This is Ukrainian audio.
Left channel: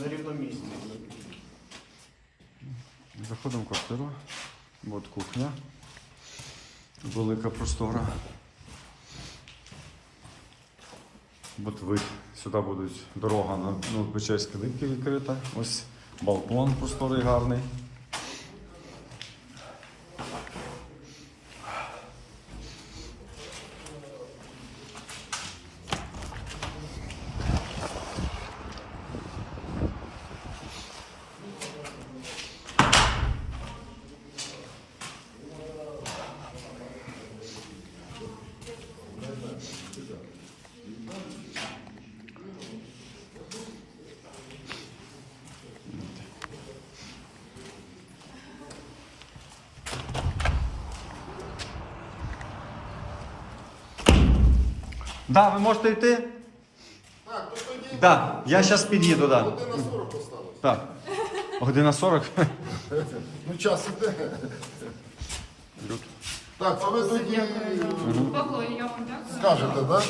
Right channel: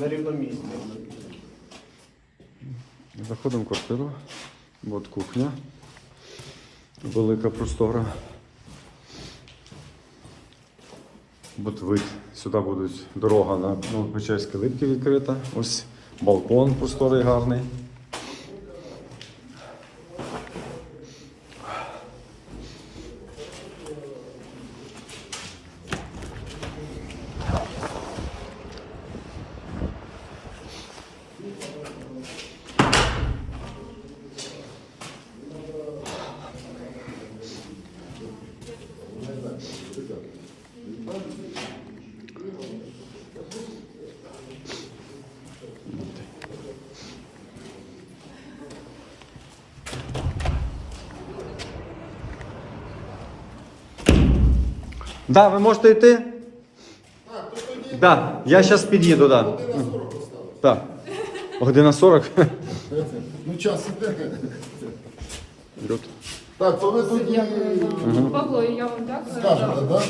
на рівному місці. Заходимо в квартиру. От кухня. Велика простора. От вид. Сюди буде дорога на Новопечерській липки відкрита. Ось балкон просторий гарний. Да, ви можете йти? Так, то тоді Да, я зараз під'їду, да. година 40 поставили. Так. Година 40. Ну час іде. Тут. Так, то ви тоді Павло, я вам так? скажете, так?